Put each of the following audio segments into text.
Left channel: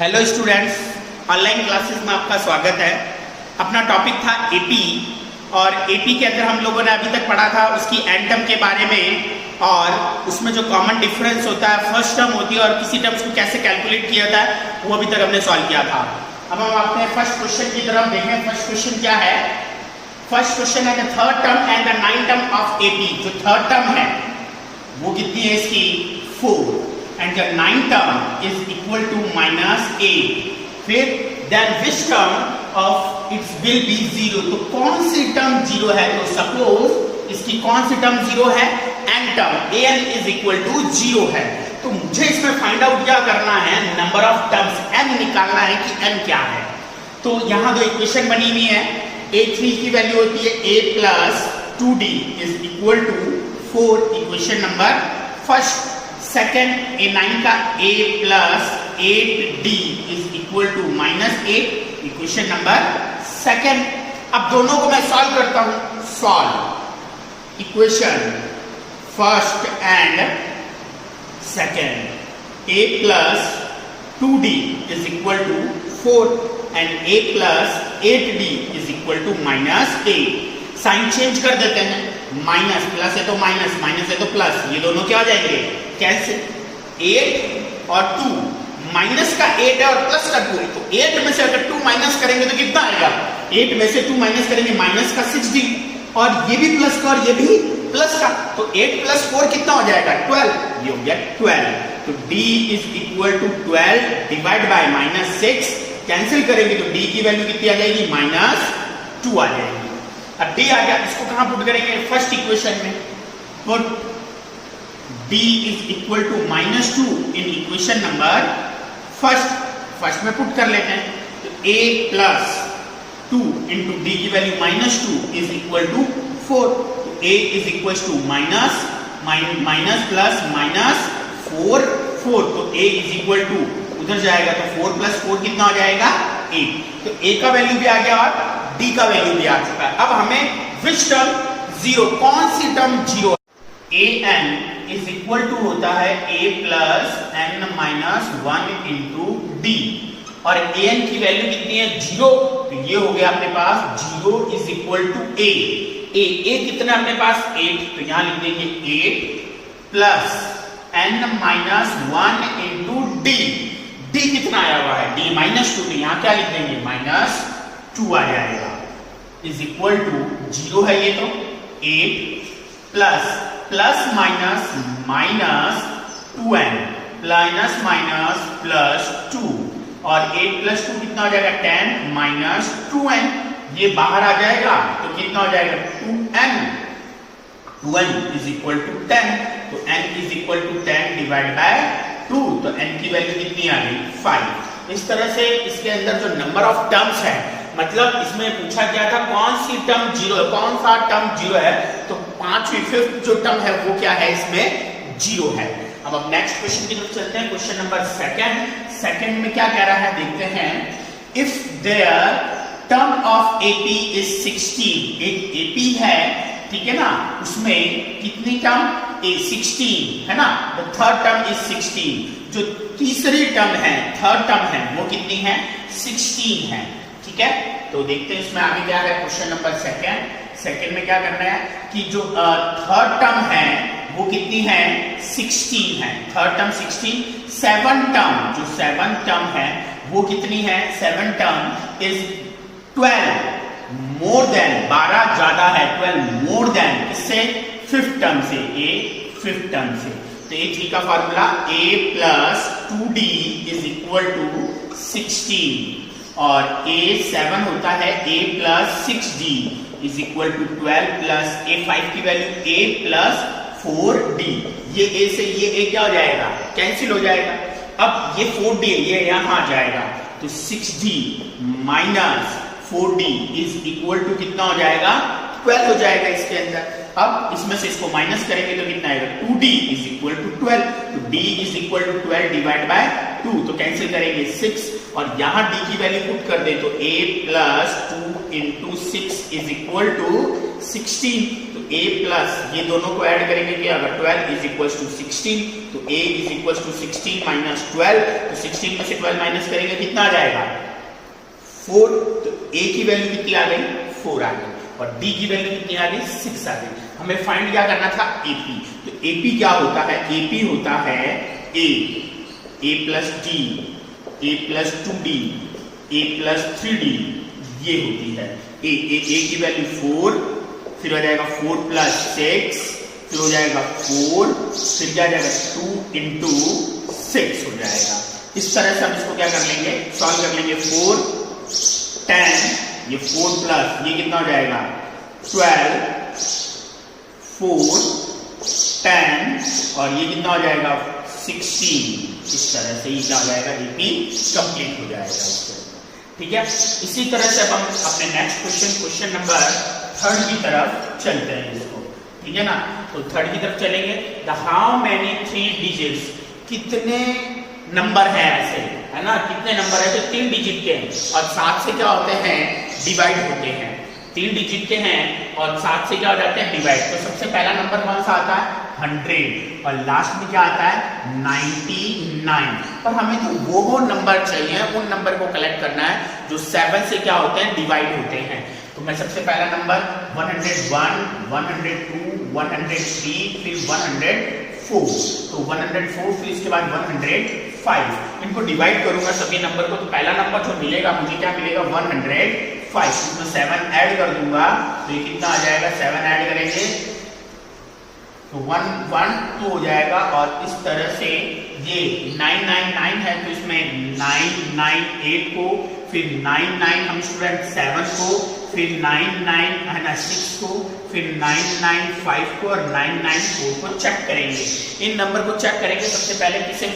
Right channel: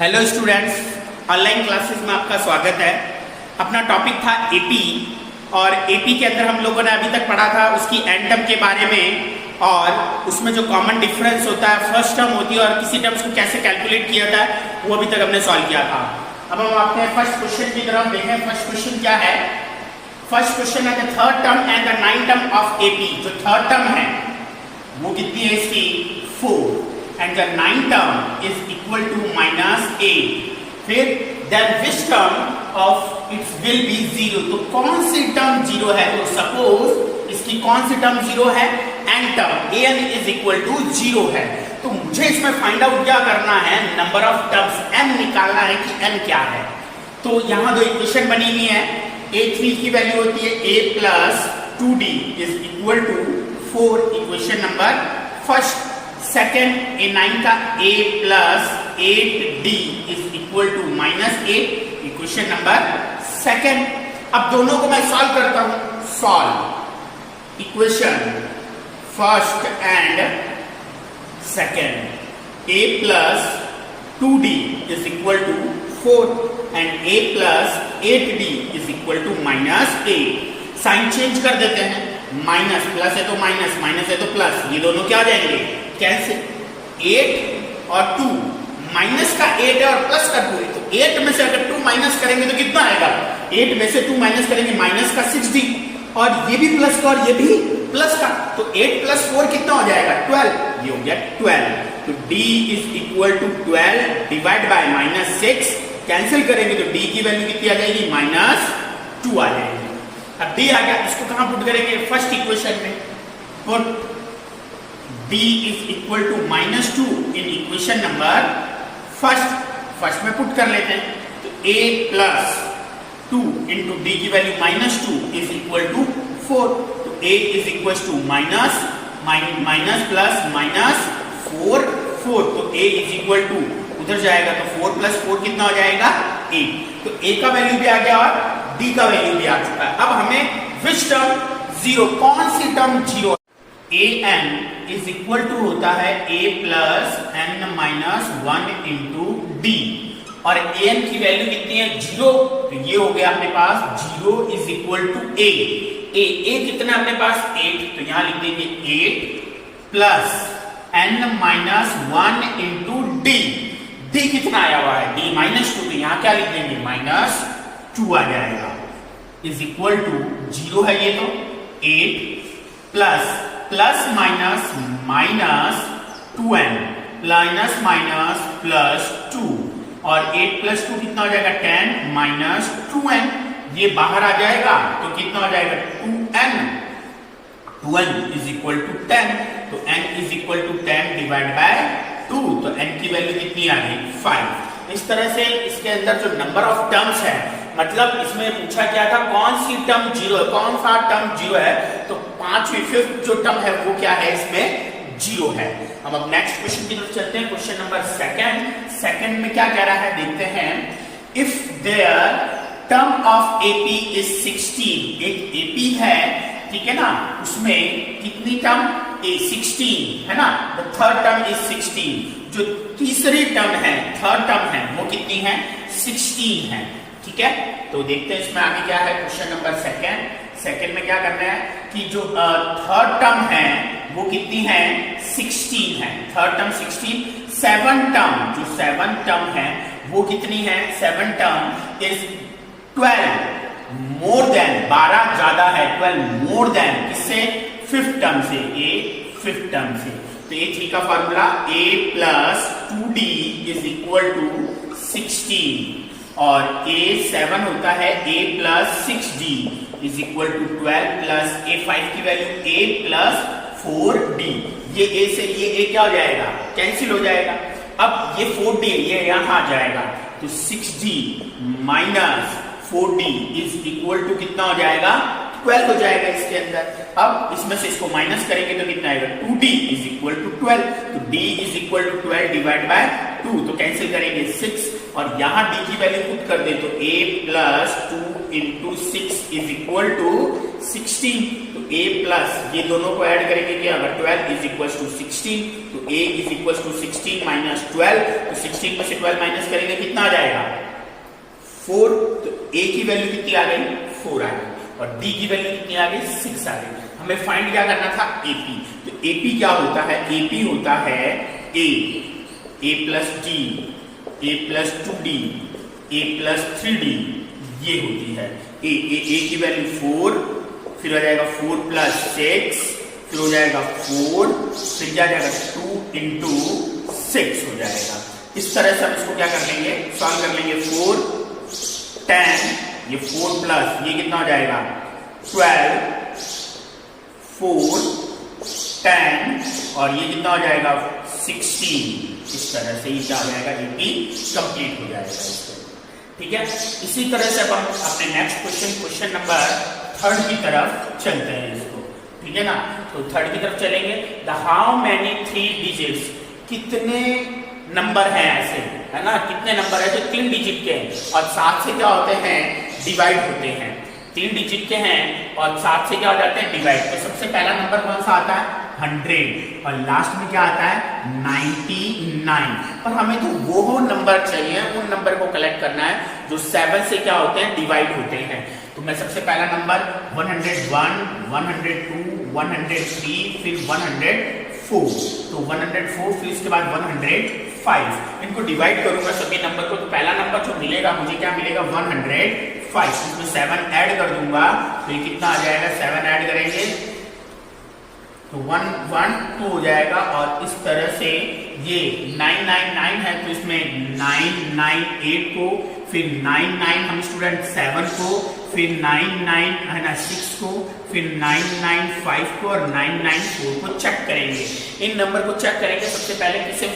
Hello students, online classes में आपका स्वागत है। अपना टॉपिक था एपी और एपी के अंदर हम लोगों ने अभी तक पढ़ा था उसकी एंड टर्म के बारे में और उसमें जो कॉमन डिफरेंस होता है, फर्स्ट टर्म होती है और किसी टर्म्स को कैसे कैलकुलेट किया जाता है वो अभी तक हमने सॉल्व किया था। अब हम आते हैं फर्स्ट क्वेश्चन की तरफ। देखें फर्स्ट क्वेश्चन क्या है। फर्स्ट क्वेश्चन है the third term and the nine term of AP. जो थर्ड टर्म है वो कितनी है इसकी 4 and the ninth term is equal to -8. फिर then which term of it will be 0? तो कौन सी टर्म 0 है? तो सपोज इसकी कौन सी टर्म 0 है? n term an is equal to 0 है। तो मुझे इसमें फाइंड आउट क्या करना है? नंबर ऑफ टर्म्स n निकालना है कि n क्या है। तो यहाँ जो इक्वेशन बनी हुई है, a3 की वैल्यू होती है a plus 2d is equal to 4, equation number first. Second a9 का a plus 8d is equal to -8, equation number second. अब दोनों को मैं सॉल्व करता हूं। Solve equation first and second. a plus 2d is equal to 4 and a plus 8d is equal to -8। Sign change कर देते हैं। माइनस प्लस है तो माइनस, माइनस है तो प्लस, ये दोनों क्या हो जाएंगे? कैंसिल। 8 और 2, माइनस का 8 है और प्लस का 2, तो 8 में से अगर 2 माइनस करेंगे तो कितना आएगा? 8 में से 2 माइनस करेंगे माइनस का 6d, और ये भी प्लस का और ये भी प्लस का, तो 8 प्लस 4 कितना हो जाएगा? 12, ये हो गया 12। तो d is equal to 12 divide by -6, cancel करेंगे तो d की वैल्यू कितनी आ जाएगी? -2 आ जाएगी। अब d आ गया, इसको कहां पुट करेंगे? फर्स्ट इक्वेशन में put d is equal to -2 in equation number first में पुट कर लेते हैं। तो a प्लस 2 इंटू डी की वैल्यू -2 इज इक्वल टू 4। तो a is equal to minus plus -4, तो a इज इक्वल टू उधर जाएगा तो 4 प्लस 4 कितना हो जाएगा? 8। तो a का वैल्यू भी आ गया और d का वैल्यू भी आ चुका है। अब हमें विच टर्म 0, कौन सी term 0? an is equal to होता है a plus n minus 1 into D, और an की वैल्यू कितनी है? 0। तो ये हो गया अपने पास 0 इज इक्वल टू a कितना है अपने पास? 8, तो यहां लिख देंगे 8 plus n minus 1 into D. D कितना आया हुआ है? d -2, तो यहां क्या लिख देंगे? -2 आ जाएगा, इज इक्वल टू 0 है ये तो 8 प्लस माइनस -2n प्लस 2, और 8 प्लस 2 कितना हो जाएगा? 10 -2n, ये बाहर आ जाएगा तो कितना हो जाएगा? 2n इज इक्वल टू 10, तो n is equal to 10 divide by 2, तो n की वैल्यू कितनी आ गई? 5। इस तरह से इसके अंदर जो नंबर ऑफ टर्म्स है, मतलब इसमें पूछा गया था कौन सी टर्म 0 है, कौन सा टर्म 0 है, तो 5वीं जो टर्म है वो क्या है? इसमें 0 है। अब नेक्स्ट क्वेश्चन की तरफ चलते हैं। क्वेश्चन नंबर सेकंड में क्या कह रहा है देखते हैं। If there term of AP is 16, एक एपी है, ठीक है ना, उसमें कितनी टर्म? 16 है ना। द थर्ड टर्म इज 16, जो तीसरी टर्म है, थर्ड टर्म है, वो कितनी है? 16 है, ठीक है। तो देखते हैं इसमें आगे क्या है। क्वेश्चन नंबर सेकंड में क्या करना है कि जो थर्ड टर्म है वो कितनी है? 16 है, थर्ड टर्म 16। सेवन टर्म है वो कितनी है? 7 टर्म इज 12 मोर देन, 12 ज्यादा है, 12 मोर देन किससे? फिफ्थ टर्म से, फिफ्थ टर्म से। तो a3 का formula a plus 2d is equal to 16, और a7 होता है a plus 6d is equal to 12 plus a5 की वैल्यू a प्लस 4d। ये a से ये a क्या हो जाएगा? कैंसिल हो जाएगा। अब ये 4d है, ये यहां आ जाएगा, तो 6d minus 4d is equal to कितना हो जाएगा? 12 हो जाएगा इसके अंदर। अब इसमें से इसको माइनस करेंगे तो कितना आएगा? 2d इज इक्वल टू 12, तो d is equal to 12 divide by 2, तो कैंसिल करेंगे 6, और यहां d की वैल्यू पुट कर दे तो a plus 2 into 6 is equal to 16, तो a प्लस ये दोनों को ऐड करेंगे क्या, अगर 12 इज इक्वल टू 16, तो a is equal to 16 minus 12, तो 16 में से 12 माइनस करेंगे कितना आ जाएगा 4, तो a की वैल्यू कितनी आ गई 4 आ गई, और d की वैल्यू कितनी आ गई 6 आ गई। हमें फाइंड क्या करना था AP, तो AP क्या होता है, AP होता है a plus d, a plus 2d, a plus 3d, ये होती है a की वैल्यू 4, फिर हो जाएगा 4 प्लस 6, फिर हो जाएगा 4, फिर क्या जाएगा 2 इंटू 6 हो जाएगा। इस तरह से हम इसको क्या कर लेंगे, सॉल्व कर लेंगे। 4 10, ये 4 प्लस ये कितना हो जाएगा 12, 4 10 और ये कितना हो जाएगा 16। इस तरह से ये क्या हो जाएगा AP कंप्लीट हो जाएगा इसको, ठीक है। इसी तरह से अब हम अपने नेक्स्ट क्वेश्चन नंबर 3 की तरफ चलते हैं इसको, ठीक है ना। तो 3 की तरफ चलेंगे। द हाउ मैनी 3 डिजिट्स, कितने नंबर हैं ऐसे, है ना, कितने नंबर है जो 3 डिजिट के हैं और 7 से क्या होते हैं डिवाइड होते हैं, 3 डिजिट के हैं और 7 से क्या हो जाते हैं डिवाइड। तो सबसे पहला नंबर कौन सा आता है 100 और लास्ट में क्या आता है 99। पर हमें तो वो नंबर चाहिए, उन नंबर को कलेक्ट करना है जो 7 से क्या होते हैं डिवाइड होते हैं। तो मैं सबसे पहला नंबर 101, 102, 103, फिर 104, तो 104 फिर इसके बाद 105, इनको डिवाइड करूंगा सभी नंबर को। तो पहला नंबर जो मिलेगा मुझे क्या मिलेगा 105, इसमें 7 ऐड कर दूंगा तो ये कितना आ जाएगा, 7 ऐड करेंगे तो 112 हो जाएगा। और इस तरह से ये 999 है तो इसमें 998 को, फिर 99 हम स्टूडेंट 7 को, फिर 99 है ना 6 को, फिर 995 को और 994 को चेक करेंगे। इन नंबर को चेक करेंगे सबसे पहले किससे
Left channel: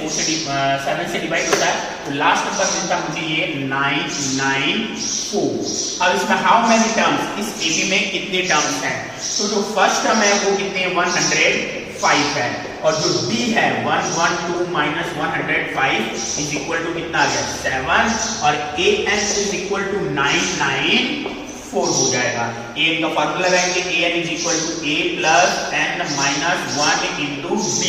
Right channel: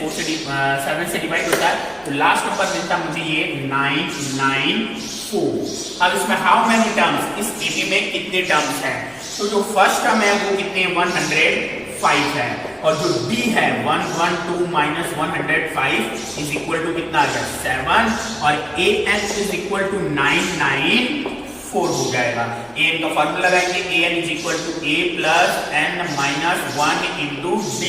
7 से डिवाइड होता है, तो लास्ट नंबर मिलता है मुझे ये 994। अब इसमें हाउ मेनी टर्म्स, इस AP में कितने टर्म्स हैं, तो जो फर्स्ट टर्म है वो कितने 105 है और जो D है 112 माइनस 105 इज इक्वल टू कितना आ गया 7 और AN इज इक्वल टू 994 हो जाएगा। AN का फॉर्मूला लगाएंगे, AN is equal to A plus N minus 1 into D।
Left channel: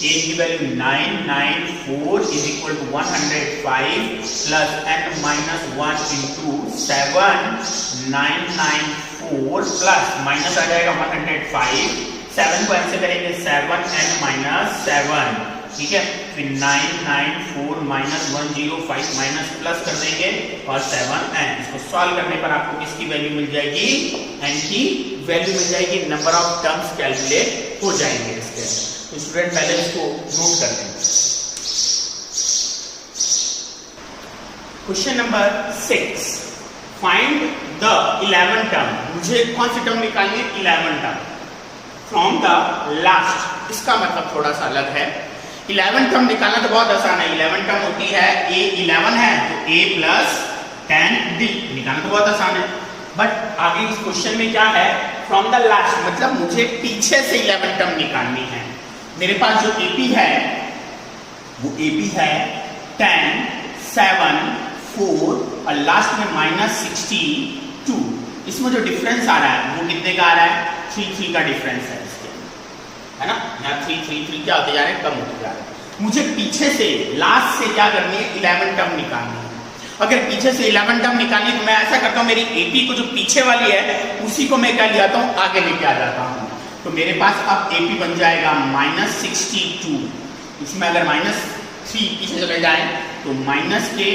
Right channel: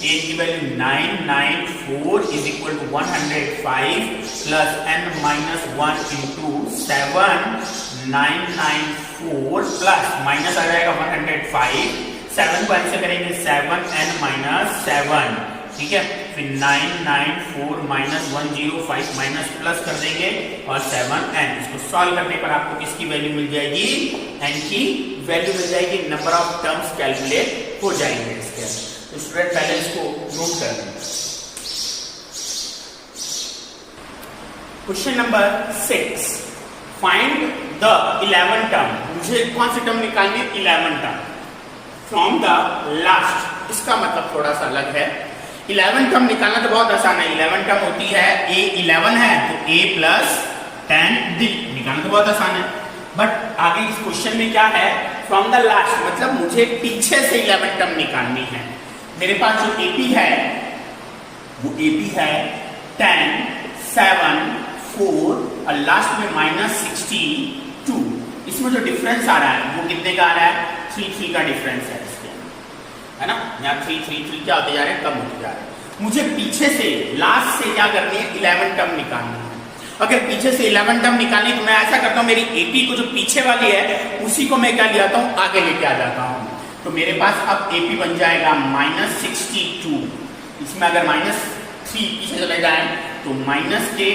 AN की value 994 is equal to 105 plus N minus 1 into 7, 994 plus minus आ जाएगा 105, 7 को ऐसे करेंगे 7n माइनस 7, ठीक है, फिर 994 माइनस 105 माइनस प्लस कर देंगे और 7n। इसको सॉल्व करने पर आपको किसकी वैल्यू मिल जाएगी, n की वैल्यू मिल जाएगी। नंबर ऑफ टर्म्स कैलकुलेट हो जाएंगे इसके। तो स्टूडेंट पहले इसको नोट कर लें। Question number 6, find the 11 term. मुझे कौन सी टर्म निकालनी है 11 टर्म फ्रॉम द लास्ट। इसका मतलब थोड़ा सा अलग है। 11 टर्म निकालना तो बहुत आसान है। 11 टर्म होती है A 11 है तो A प्लस 10D निकालना तो बहुत आसान है। बट आगे इस क्वेश्चन में क्या है, फ्रॉम द लास्ट मतलब मुझे पीछे से 11 टर्म निकालनी है। मेरे पास जो AP है वो AP है 10, 7, 4 और लास्ट में माइनस 62। इसमें जो डिफरेंस आ रहा है वो कितने का आ रहा है, 3 का डिफरेंस है इसके, है ना। यहाँ 3 क्या होते जा रहे हैं, कम होते जा रहे हैं। मुझे पीछे से लास्ट से क्या करनी है 11 टर्म निकालनी है। अगर पीछे से 11 टर्म निकालनी तो मैं ऐसा करता हूँ, मेरी AP को जो पीछे वाली है उसी को मैं क्या ले आता हूँ, आगे लेके आ जाता हूँ। तो मेरे पास अब AP बन जाएगा माइनस 62। इसमें अगर माइनस 3 पीछे चले जाए तो माइनस के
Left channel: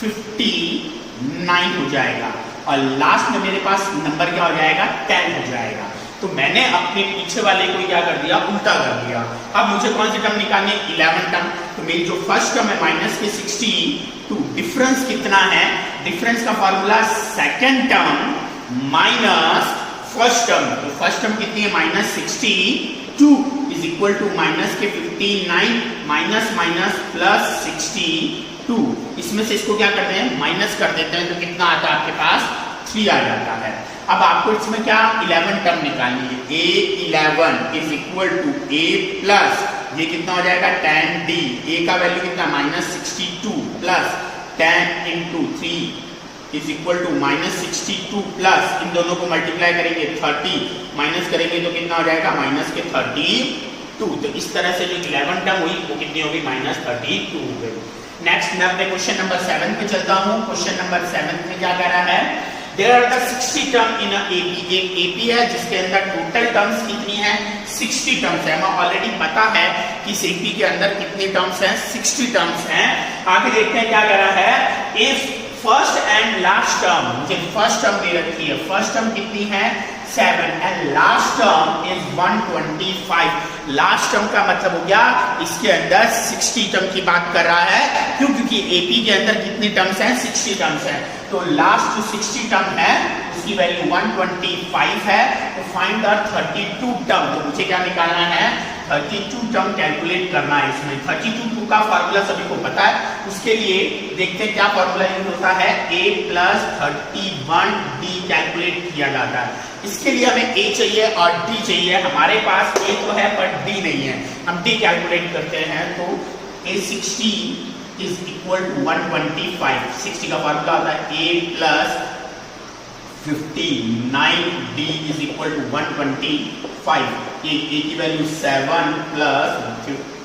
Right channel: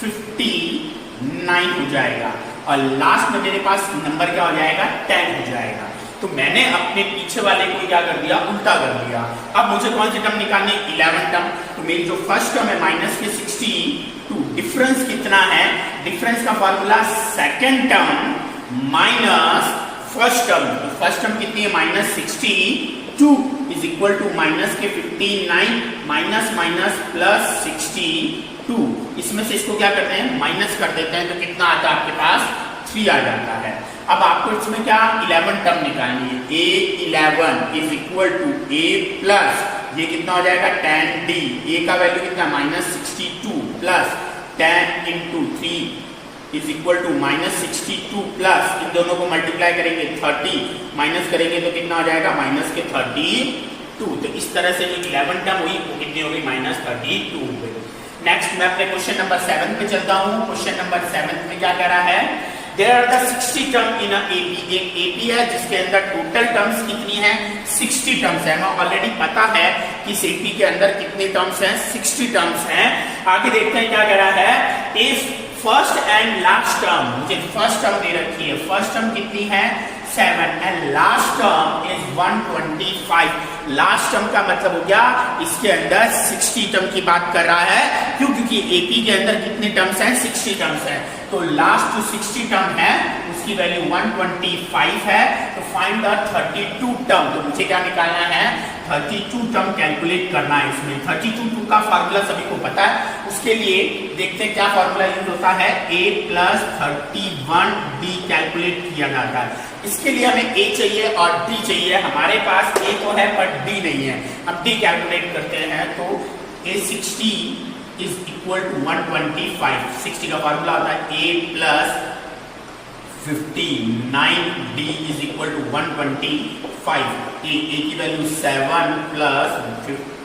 59 हो जाएगा और लास्ट में मेरे पास नंबर क्या हो जाएगा 10 हो जाएगा। तो मैंने अपने पीछे वाले को क्या कर दिया, उल्टा कर दिया। अब मुझे कौन सी टर्म निकालनी है 11 टर्म। तो मेरी जो फर्स्ट टर्म है माइनस के 62, डिफरेंस कितना है, डिफरेंस का formula second term minus first term. तो फर्स्ट टर्म कितनी है minus 62 is equal to minus के 59 माइनस माइनस प्लस 62। इसमें से इसको क्या करते हैं माइनस कर देते हैं तो कितना आता है आपके पास 3 आ जाता है। अब आपको इसमें क्या 11 टर्म निकालनी है। A11 is equal to A plus ये कितना हो जाएगा 10D। A का वैल्यू कितना minus 62 plus 10 into 3 is equal to -62 plus इन दोनों को मल्टीप्लाई करेंगे 30 माइनस करेंगे तो कितना हो जाएगा -32। तो इस तरह से जो 11 टर्म हुई वो कितनी हो गई -32 हो गई। नेक्स्ट मैं अपने क्वेश्चन नंबर 7 पे चलता हूँ। क्वेश्चन नंबर 7 में क्या कह रहा है, there are the 60 term in a AP. एक एपी है जिसके अंदर टोटल टर्म्स कितनी है 60 टर्म्स है। हमें ऑलरेडी पता है कि इस एपी के अंदर कितने टर्म्स हैं 60 टर्म्स हैं। आगे देखते हैं क्या कह रहा है, if first and last term, मुझे फर्स्ट टर्म दे रखी है, फर्स्ट टर्म कितनी है 7 and last term is 125। Last term का मतलब हो गया इसके अंदर 60 टर्म की बात कर रहा है। क्यों? क्योंकि एपी के अंदर कितने टर्म्स हैं 60 टर्म्स हैं। तो लास्ट जो 60 टर्म है उसकी वैल्यू 125 है। तो फाइंड द 32 टर्म। तो मुझे क्या निकालना है 32 टर्म कैलकुलेट करना है इसमें। 32 का फार्मूला सभी को पता है, उसके लिए देखते हैं क्या फार्मूला यूज होता है, a + 31d कैलकुलेट किया जाता है। इसके लिए हमें a चाहिए और d चाहिए। हमारे पास a तो है पर d नहीं है, हम d कैलकुलेट करते हैं। तो a 60 इज इक्वल टू 125। 60 का फार्मूला होता है a + 59d is equal to 125। a की वैल्यू 7 +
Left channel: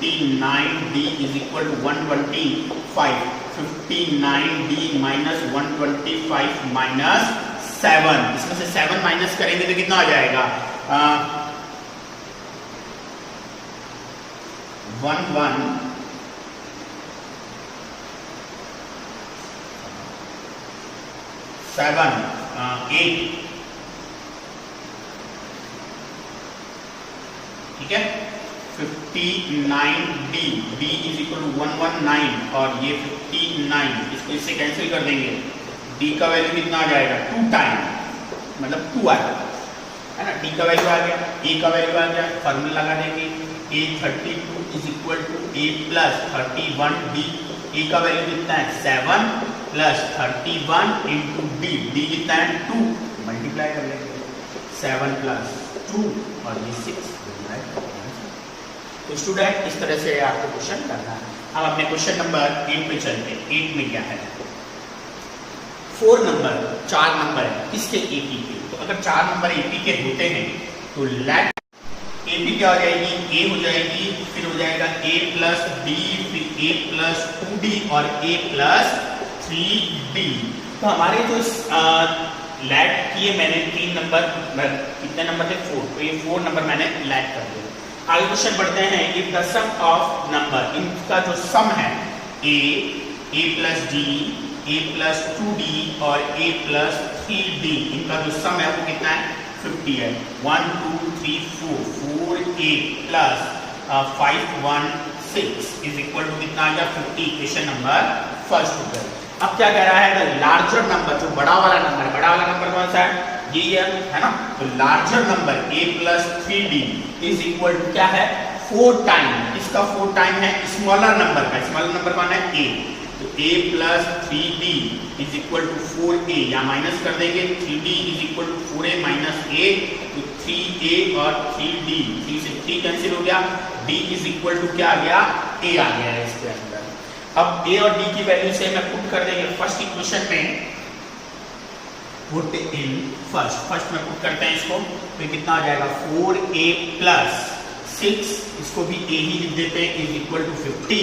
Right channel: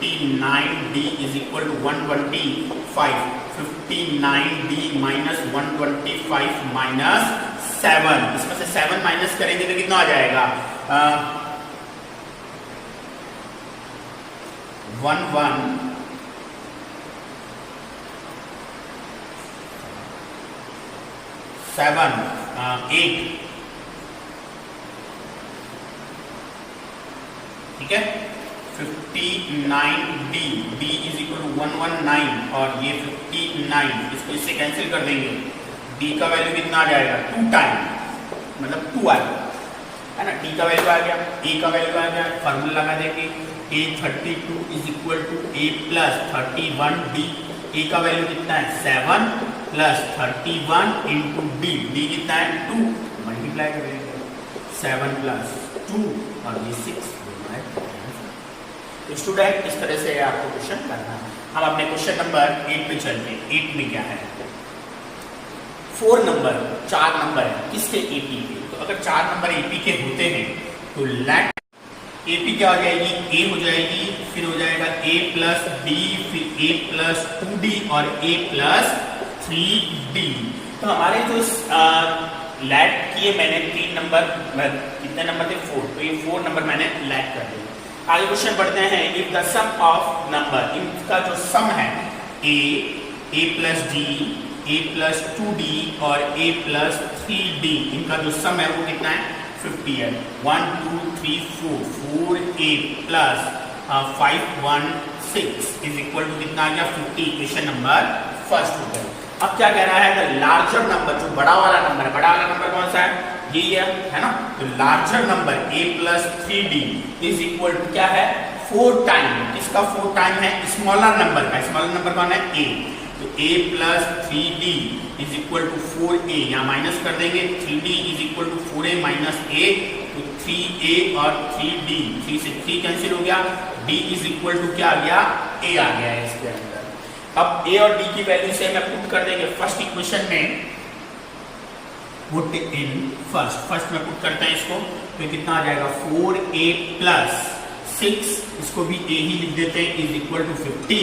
59d is equal to 125। 59d minus 125 minus 7, इसमें से 7 माइनस करेंगे तो कितना आ जाएगा 11 7 8, ठीक है। 59d d is equal to 119 और ये 59, इसको इससे कैंसिल कर देंगे। d का वैल्यू कितना आ जाएगा 2 टाइम मतलब 2 आएगा, है ना। d का वैल्यू आ गया, a का वैल्यू आ गया, फॉर्मूला लगा देंगे a 32 is equal to a + 31d। a का वैल्यू कितना है 7 + 31 इंटू d, d कितना है 2, मल्टीप्लाई कर लेंगे 7 + 2 और ये 6। तो स्टूडेंट इस तरह से आपको क्वेश्चन करना है। हम अपने क्वेश्चन नंबर 8 पे चलते हैं। 8 में क्या है 4 नंबर 4 नंबर है किसके एपी के। तो अगर 4 नंबर एपी के होते हैं तो लेट एपी क्या हो जाएगी a हो जाएगी, फिर हो जाएगा a + b, फिर a + 2d और a + 3d। तो हमारे जो लैट किए मैंने 3 नंबर, कितने नंबर थे 4, तो ये 4 नंबर मैंने लैट कर दिया। आगे क्वेश्चन बढ़ते हैं, if the sum of number, इनका जो सम है a + d, a + 2d और a + 3d, इनका जो सम है वो कितना है 50 है। 1 2 3 4 4 8 प्लस 5 1 6 इज इक्वल टू कितना आ गया 50। इक्वेशन नंबर फर्स्ट हो गया। अब क्या कह रहा है, लार्जर नंबर, जो बड़ा वाला नंबर है, बड़ा वाला नंबर कौन सा है यही है ना। तो larger number a + 3d is equal to क्या है 4 टाइम, इसका 4 टाइम है स्मॉलर नंबर का। स्मॉलर नंबर कौन है a, तो a + 3d is equal to 4a, या माइनस कर देंगे 3d is equal to 4a minus a, तो 3a और 3d, 3 से 3 कैंसिल हो गया, d इज इक्वल टू क्या आ गया a आ गया है इसके अंदर। अब a और d की वैल्यू से हम पुट कर देंगे फर्स्ट इक्वेशन में, पुट इन फर्स्ट में पुट करते हैं इसको, तो कितना आ जाएगा 4a + 6, इसको भी a ही लिख देते हैं, इज इक्वल टू 50।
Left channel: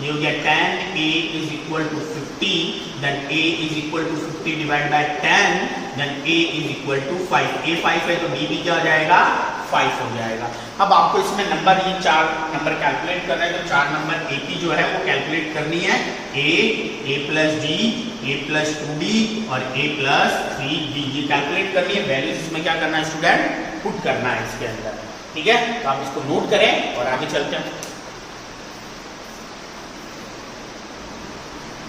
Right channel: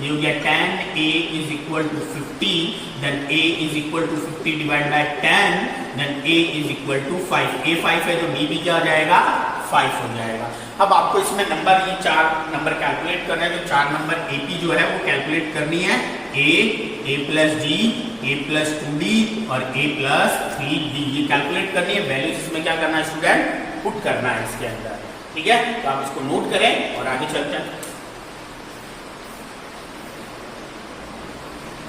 ये हो गया 10a is equal to 50, then a is equal to 50 divide by 10, then a is equal to 5। a 5 है तो b भी क्या हो जाएगा 5 हो जाएगा। अब आपको इसमें नंबर, ये 4 नंबर कैलकुलेट करना है, तो 4 नंबर एपी जो है वो कैलकुलेट करनी है, a + d, a + 2d और a + 3d, ये कैलकुलेट करनी है। वैल्यूज इसमें क्या करना है स्टूडेंट पुट करना है इसके अंदर, ठीक है। तो आप इसको नोट करें और आगे चलते हैं।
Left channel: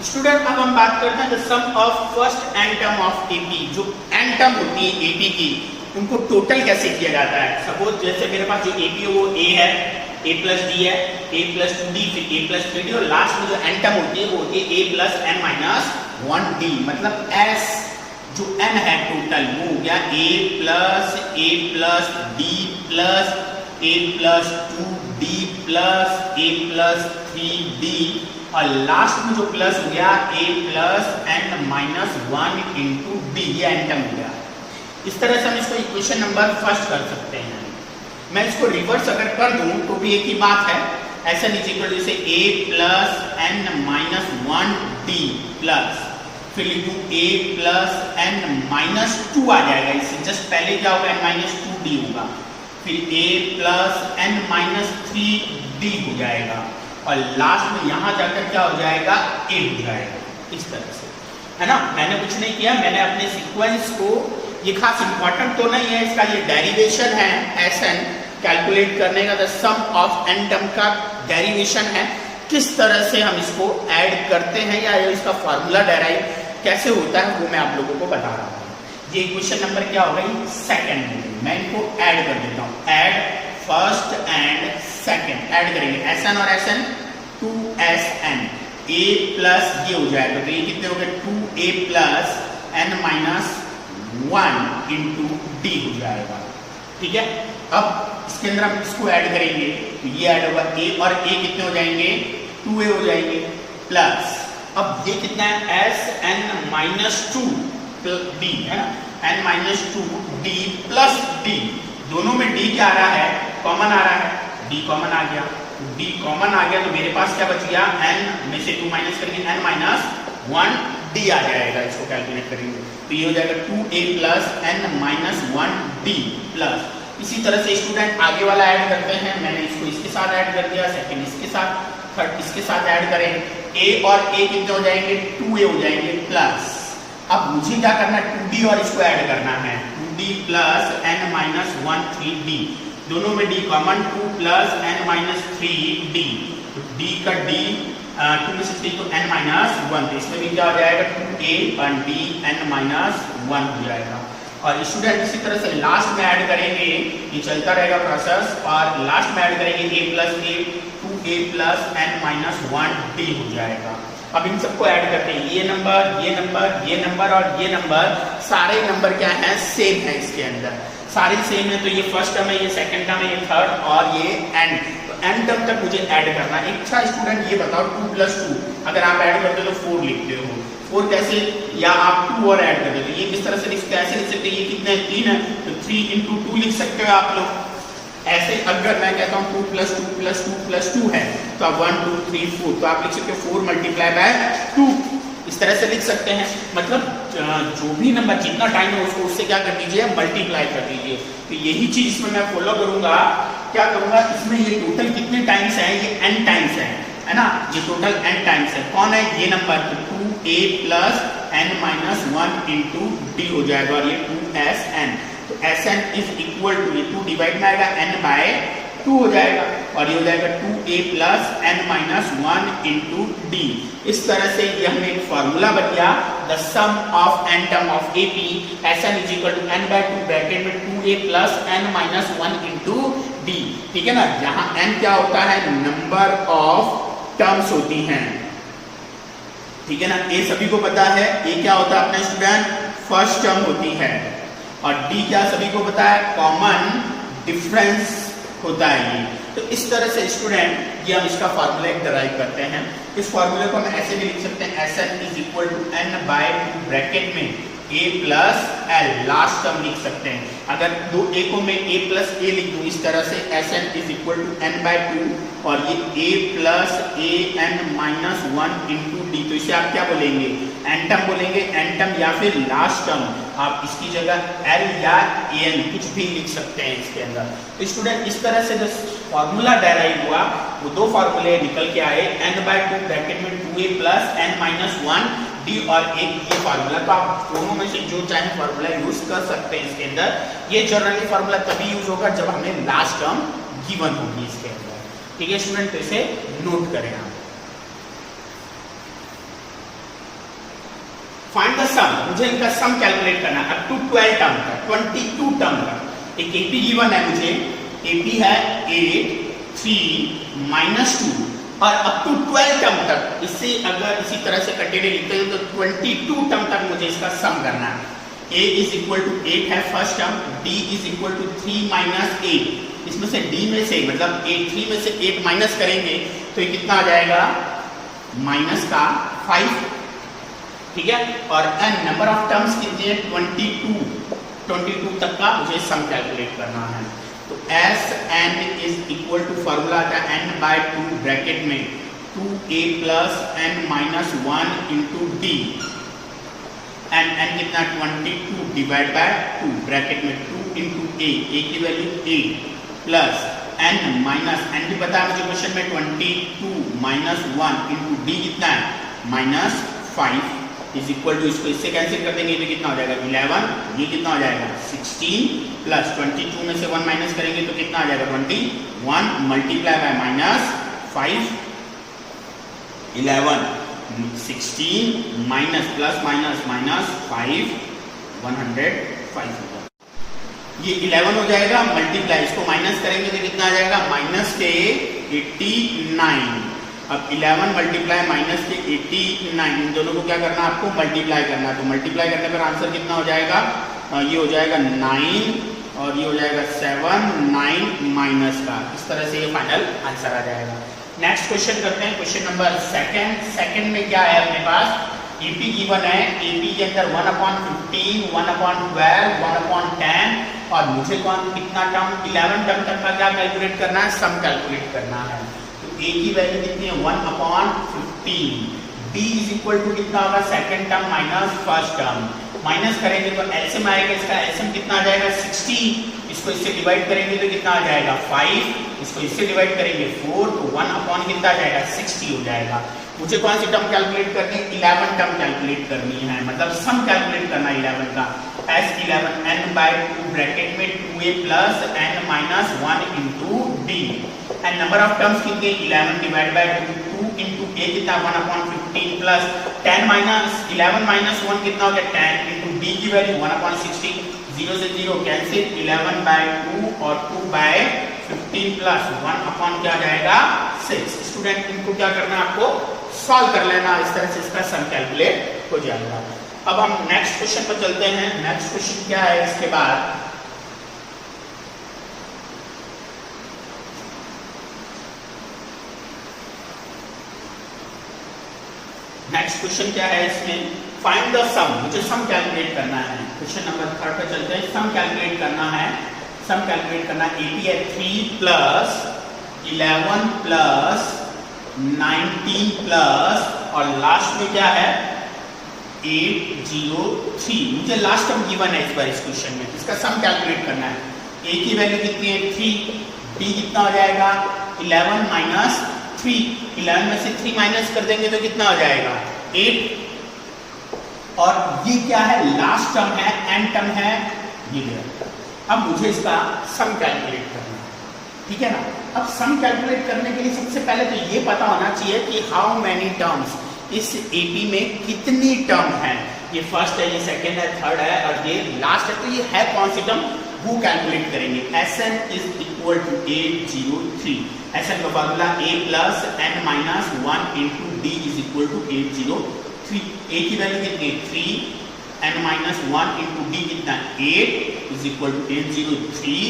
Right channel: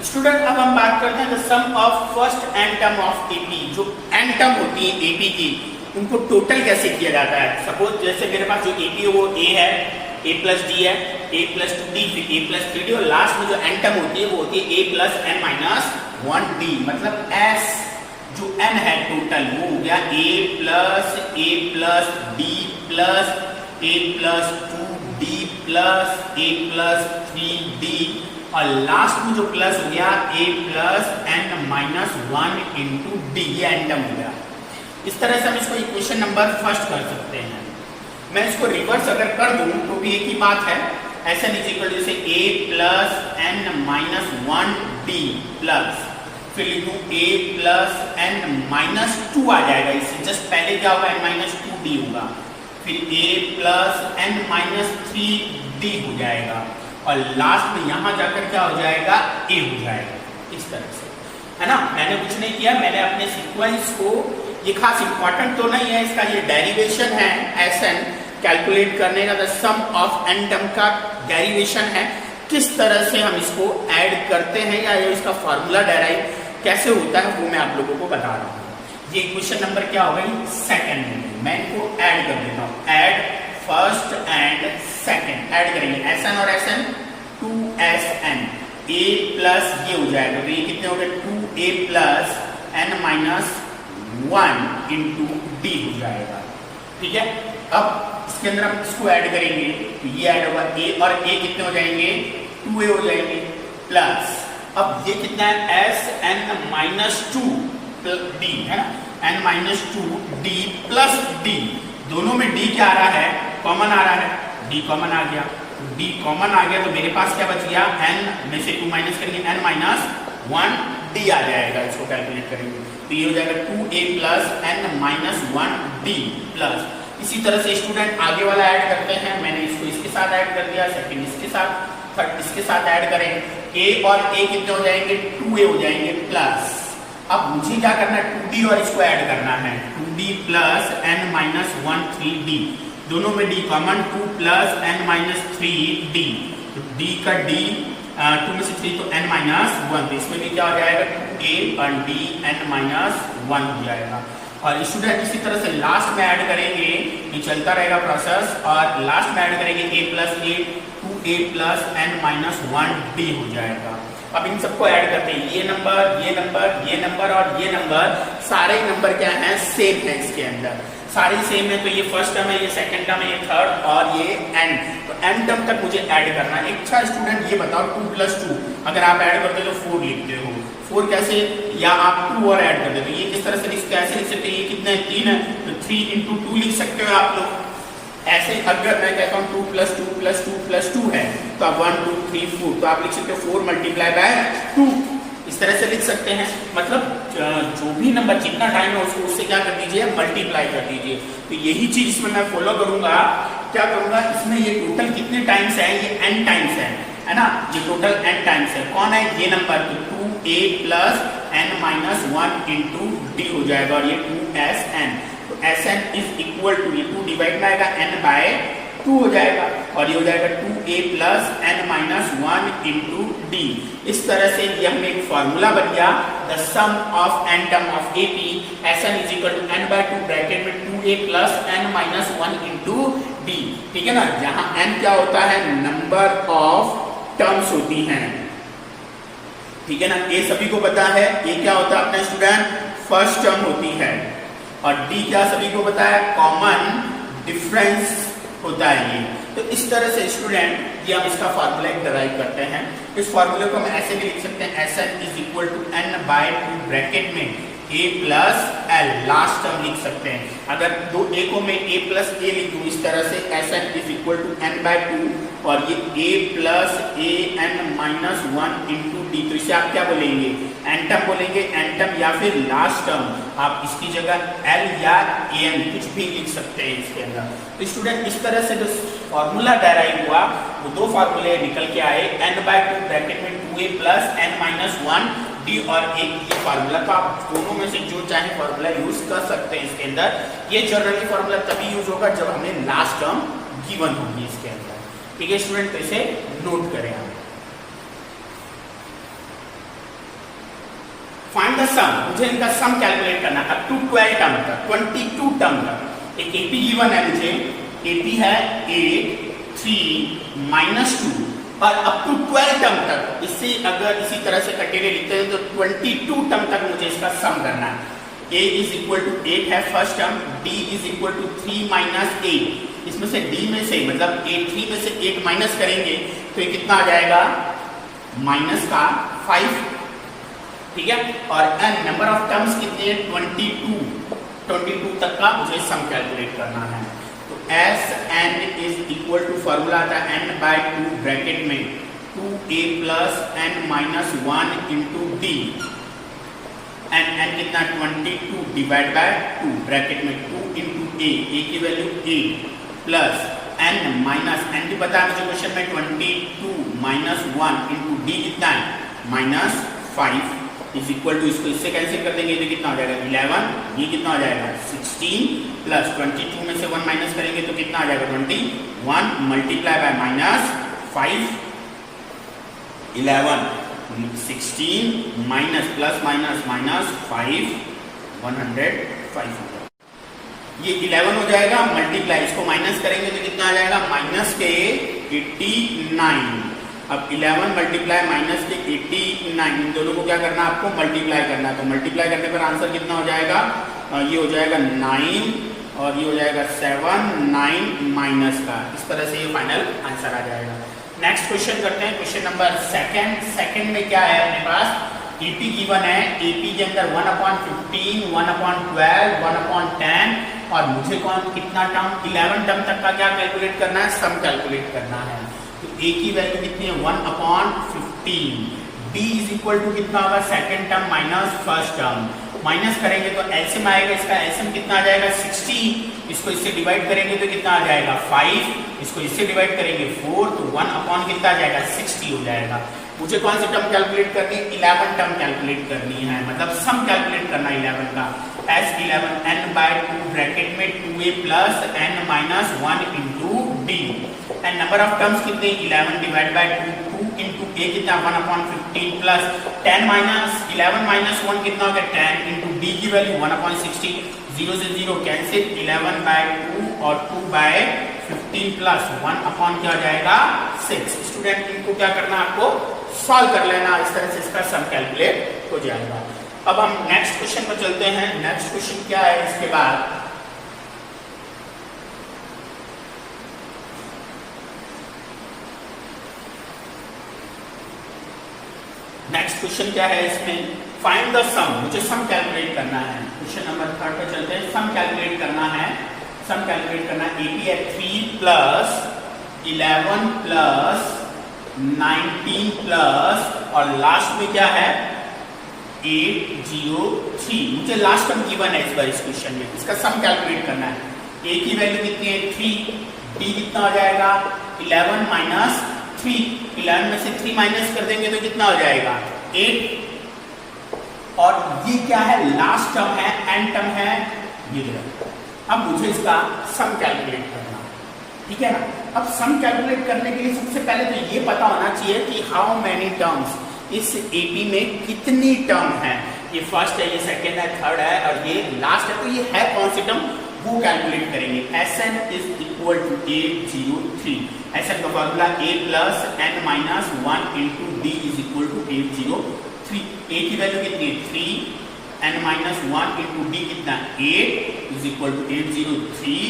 स्टूडेंट अब हम बात करते हैं the sum of first n term of AP. जो एन टर्म होती है एपी की, उनको टोटल कैसे किया जाता है। सपोज जैसे मेरे पास ये एपी है वो a है, a + d है, a + 2d, फिर a + 3d और लास्ट में जो एन टर्म होती है वो होती है a + n - 1d। मतलब s जो n है टोटल वो हो गया a + d + a + 2d + a + 3d और लास्ट में जो प्लस हो गया a plus n minus 1 into D, ये एन टर्म हो गया। इस तरह से हम इसको इक्वेशन नंबर फर्स्ट कर सकते हैं। मैं इसको रिवर्स अगर कर दूं तो भी एक ही बात है, ऐसा नीचे इक्वल टू से a plus n minus 1 D plus फिर लिखूं a प्लस n माइनस 2 आ जाएगा। इससे जस्ट पहले क्या होगा, n माइनस 2 डी होगा, फिर a plus n minus 3 D हो जाएगा और लास्ट में यहां जाकर क्या हो जाएगा, a हो जाएगा। इस तरह से, है ना। मैंने कुछ नहीं किया, मैंने अपने सीक्वेंस को, ये खास इंपॉर्टेंट तो नहीं है, इसका ये डेरिवेशन है Sn कैलकुलेट करने का, the sum of n term का डेरिवेशन है, किस तरह से हम इसको ऐड करते हैं या इसका फॉर्मूला डेराइव कैसे होता है वो मैं आप लोगों को बता रहा हूँ। ये क्वेश्चन नंबर क्या होगा, सेकंड में मैं इनको ऐड कर देता हूँ। Add first and second add करेंगे, Sn और Sn 2Sn, a प्लस ये हो जाएगा, तो ये कितने हो गए 2a plus n minus 1 into D हो जाएगा। ठीक है, अब इसके अंदर हम इसको ऐड करेंगे तो ये ऐड होगा a और a कितने हो जाएंगे, 2a हो जाएंगे प्लस, अब ये कितना है Sn माइनस 2 डी, है ना, n minus 2 D plus D, दोनों में d क्या आ रहा है, कॉमन आ रहा है, d कॉमन आ गया, d कॉमन आ गया तो मेरे पास क्या बच गया, n में से 2 माइनस करेंगे, n माइनस 1 डी आ जाएगा। इसको कैलकुलेट करेंगे तो ये हो जाएगा 2a plus n minus 1 D plus. इसी तरह से स्टूडेंट आगे वाला ऐड करते हैं, मैंने इसको इसके साथ ऐड कर दिया, सेकंड इसके साथ, थर्ड इसके साथ ऐड करें, a और a कितने हो जाएंगे, 2a हो जाएंगे प्लस। अब मुझे क्या करना है, 2d और इसको ऐड करना है, 2d plus n minus 1 3d, दोनों में d common, 2 plus n minus 3d, तो d का d 2 में से 3 तो n माइनस 1, तो इसमें भी क्या हो जाएगा 2a और d n माइनस 1 हो जाएगा। और स्टूडेंट इसी तरह से लास्ट में ऐड करेंगे, ये चलता रहेगा प्रोसेस, और लास्ट में ऐड करेंगे a plus a 2a plus n minus 1 d हो जाएगा। अब इन सबको ऐड करते हैं, ये नंबर, ये नंबर, ये नंबर और ये नंबर, सारे नंबर क्या हैं, सेम है इसके अंदर, सारे सेम है। तो ये फर्स्ट टर्म है, ये सेकंड टर्म है, ये थर्ड और ये n, तो n टर्म तक मुझे ऐड करना है। अच्छा स्टूडेंट ये बताओ 2 प्लस 2 अगर आप ऐड करते हो तो 4 लिखते हो, 4 कैसे, या आप 2 और ऐड करते हो तो ये किस तरह से कैसे लिख सकते हैं, ये कितना है 3 है तो 3 इंटू 2 लिख सकते हो आप लोग। ऐसे अगर मैं कहता हूँ 2 प्लस 2 प्लस 2 प्लस 2 है तो आप 1 2 3 4, तो आप लिख सकते हो 4 मल्टीप्लाई बाय 2, इस तरह से लिख सकते हैं। मतलब जो भी नंबर जितना टाइम है उसको उससे क्या कर दीजिए, मल्टीप्लाई कर दीजिए। तो यही चीज इसमें मैं फॉलो करूंगा, क्या करूंगा, इसमें ये टोटल कितने टाइम्स है, ये n टाइम्स है ना, ये टोटल n टाइम्स है। कौन है ये नंबर, तो 2a plus n minus 1 into D हो जाएगा और ये 2Sn, तो Sn इज इक्वल टू, ये 2 डिवाइड में आएगा n बाय 2 हो जाएगा और ये हो जाएगा 2a plus n minus 1 into d. इस तरह से ये हमें एक फॉर्मूला बन गया, the sum of n term of AP Sn is equal to n by 2 bracket में 2a plus n minus 1 into d. ठीक है ना, जहां n क्या होता है, नंबर ऑफ टर्म्स होती हैं। ठीक है ना, a सभी को पता है, a क्या होता है अपने स्टूडेंट, फर्स्ट टर्म होती है, और d क्या सभी को पता है, कॉमन डिफरेंस होता है ये। तो इस तरह से स्टूडेंट ये हम इसका फार्मूला डराइव करते हैं। इस फार्मूले को हम ऐसे भी लिख सकते हैं, Sn is equal to n by 2 bracket में a plus l, last term लिख सकते हैं। अगर दो a को मैं a प्लस a लिख दूं इस तरह से, Sn is equal to n by 2 और ये a plus a n minus 1 into d, तो इसे आप क्या बोलेंगे, n टर्म बोलेंगे, n टर्म या फिर लास्ट टर्म, आप इसकी जगह l या an कुछ भी लिख सकते हैं इसके अंदर। तो स्टूडेंट इस तरह से जो फॉर्मूला डेराइव हुआ वो दो फॉर्मूले निकल के आए, n बाय 2 ब्रैकेट में 2a plus n minus 1 D और एक ये फार्मूला। तो आप दोनों में से जो चाहे फार्मूला यूज कर सकते हैं इसके अंदर। ये जनरली फार्मूला तभी यूज होगा जब हमें लास्ट टर्म गिवन होगी इसके अंदर। ठीक है स्टूडेंट, तो इसे नोट करें। फाइंड द सम, मुझे इनका सम कैलकुलेट करना है अप टू 12 टर्म तक, 22 टर्म तक। एक एपी गिवन है मुझे, एपी है 8 3 माइनस 2 और अप टू 12 टर्म तक। इससे अगर इसी तरह से कंटिन्यू लिखते हैं तो 22 टर्म तक मुझे इसका सम करना है। a इज इक्वल टू 8 है first term, d is equal to 3 minus 8। इसमें से d में से मतलब 3 में से 8 माइनस करेंगे तो ये कितना आ जाएगा, माइनस का 5, ठीक है, और n नंबर ऑफ टर्म्स कितने हैं 22 तक का मुझे सम कैलकुलेट करना है। तो S n is equal to formula था n/2 ब्रैकेट में 2a plus n minus 1 into d, n कितना 22 डिवाइड बाय 2 ब्रैकेट में 2 इंटू ए की value 8 plus n minus n भी पता है मुझे क्वेश्चन में 22 माइनस 1 इंटू डी कितना है -5 इज इक्वल टू, इसको इससे कैंसिल कर देंगे, ये कितना हो जाएगा 11, ये कितना हो जाएगा 16 प्लस 22 में से 1 माइनस करेंगे तो कितना आ जाएगा 21 multiply by -5 11 16 minus plus minus -5 105 होगा। ये 11 हो जाएगा मल्टीप्लाई, इसको माइनस करेंगे तो कितना आ जाएगा -89। अब 11 मल्टीप्लाई माइनस के 89, इन दोनों को क्या करना है आपको मल्टीप्लाई करना है। तो मल्टीप्लाई करने पर आंसर कितना हो जाएगा, ये हो जाएगा 9 और ये हो जाएगा 7 9 माइनस का, इस तरह से ये फाइनल आंसर आ जाएगा। नेक्स्ट क्वेश्चन करते हैं, क्वेश्चन नंबर सेकंड में क्या है अपने पास, AP गिवन है, AP के अंदर 1/15 1/12 1/10 और मुझे कितना टर्म 11 टर्म तक का क्या कैलकुलेट करना है, सम कैलकुलेट करना है। तो A की वैल्यू कितनी है 1/15, D इज इक्वल टू कितना होगा second term minus first term, minus करेंगे तो एलसीएम आएगा, इसका एलसीएम कितना आ जाएगा 60, इसको इससे डिवाइड करेंगे तो कितना आ जाएगा 5, इसको इससे डिवाइड करेंगे 4, तो 1 कितना आ जाएगा 60 हो जाएगा। मुझे कौन सी टर्म कैलकुलेट करनी है 11 टर्म कैलकुलेट करनी है, मतलब सम कैलकुलेट करना है 11 का। S11 n/2 ब्रैकेट में 2a plus n minus 1 into D, and number of terms कितने 11 डिवाइड बाय 2 इंटू a कितना 1/15 प्लस 10 माइनस 11 माइनस 1 कितना हो गया 10 इंटू डी की वैल्यू 1/60, 0 से 0 कैंसिल, 11/2 और 2/15 प्लस 1 क्या आ जाएगा 6। स्टूडेंट इनको क्या करना है आपको सॉल्व कर लेना, इस तरह से इसका सम कैलकुलेट हो जाएगा। अब हम नेक्स्ट क्वेश्चन पर चलते हैं। नेक्स्ट क्वेश्चन क्या है, इसके बाद नेक्स्ट क्वेश्चन क्या है, इसमें फाइंड द सम, मुझे सम कैलकुलेट करना है। क्वेश्चन नंबर 3 पे चलते हैं, सम कैलकुलेट करना है। सम कैलकुलेट करना AP है 3 प्लस 11 प्लस 19 प्लस और लास्ट में क्या है 803। मुझे लास्ट टर्म गिवन है इस बार इस क्वेश्चन में, इसका सम कैलकुलेट करना है। A की वैल्यू कितनी है 3, D कितना हो जाएगा 11 माइनस 3, 11 में से 3 माइनस कर देंगे तो कितना हो जाएगा 8, और ये क्या है लास्ट टर्म है n टर्म है ये। अब मुझे इसका सम कैलकुलेट करना है, ठीक है ना। अब सम कैलकुलेट करने के लिए सबसे पहले तो ये पता होना चाहिए कि हाउ मेनी टर्म्स, इस AP में कितनी टर्म है, ये फर्स्ट है, ये सेकंड है, थर्ड है और ये लास्ट है, तो ये है कौन सी टर्म वो कैलकुलेट करेंगे। Sn is equal to 803, Sn का formula a plus n minus 1 into d is equal to 803। A की वैल्यू कितनी है 3, n माइनस 1 इंटू डी कितना 8 is equal to 803,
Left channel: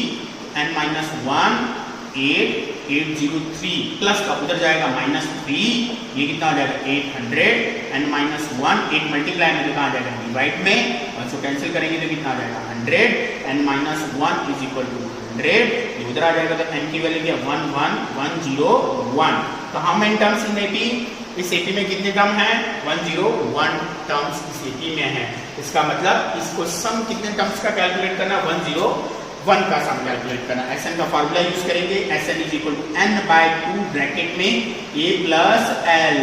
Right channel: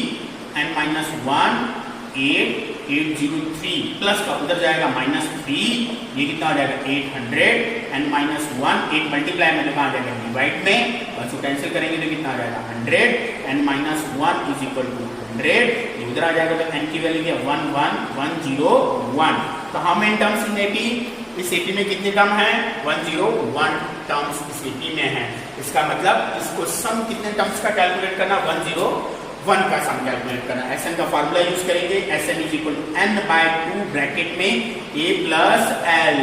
n minus 1 803 plus का उधर जाएगा -3, ये कितना हो जाएगा 800, n माइनस 1 8 मल्टीप्लाई में कितना आ जाएगा डिवाइड में, और इसको कैंसिल करेंगे तो कितना आ जाएगा 100, n minus 1 is equal to 100, उधर आ जाएगा तो n की वैल्यू क्या 11101। तो how many terms in AP, इस AP में कितने टर्म है 101 टर्म्स इस AP में है। इसका मतलब इसको सम कितने टर्म्स का कैलकुलेट करना 101 का सम कैलकुलेट करना। Sn का फॉर्मूला यूज करेंगे, Sn is equal to n/2 bracket में a प्लस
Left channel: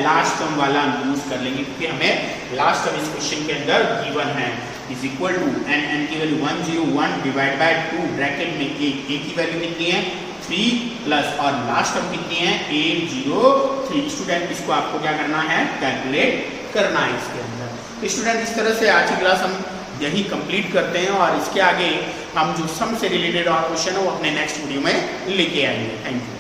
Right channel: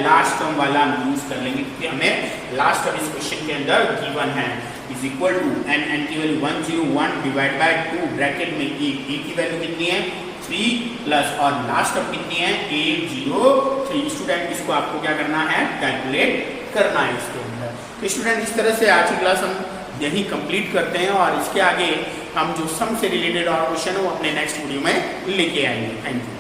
लास्ट टर्म वाला यूज कर लेंगे क्योंकि हमें लास्ट टर्म इस क्वेश्चन के अंदर गिवन है, इज इक्वल टू n की वैल्यू 101 डिवाइड बाय 2 ब्रैकेट में a की वैल्यू कितनी है 3 प्लस और लास्ट टर्म कितनी है 803। स्टूडेंट इसको आपको क्या करना है कैलकुलेट करना है इसके अंदर। तो स्टूडेंट इस तरह से आज की क्लास हम यही कंप्लीट करते हैं और इसके आगे हम जो सम से रिलेटेड और क्वेश्चन है वो अपने नेक्स्ट वीडियो में लेके आएंगे। Thank you.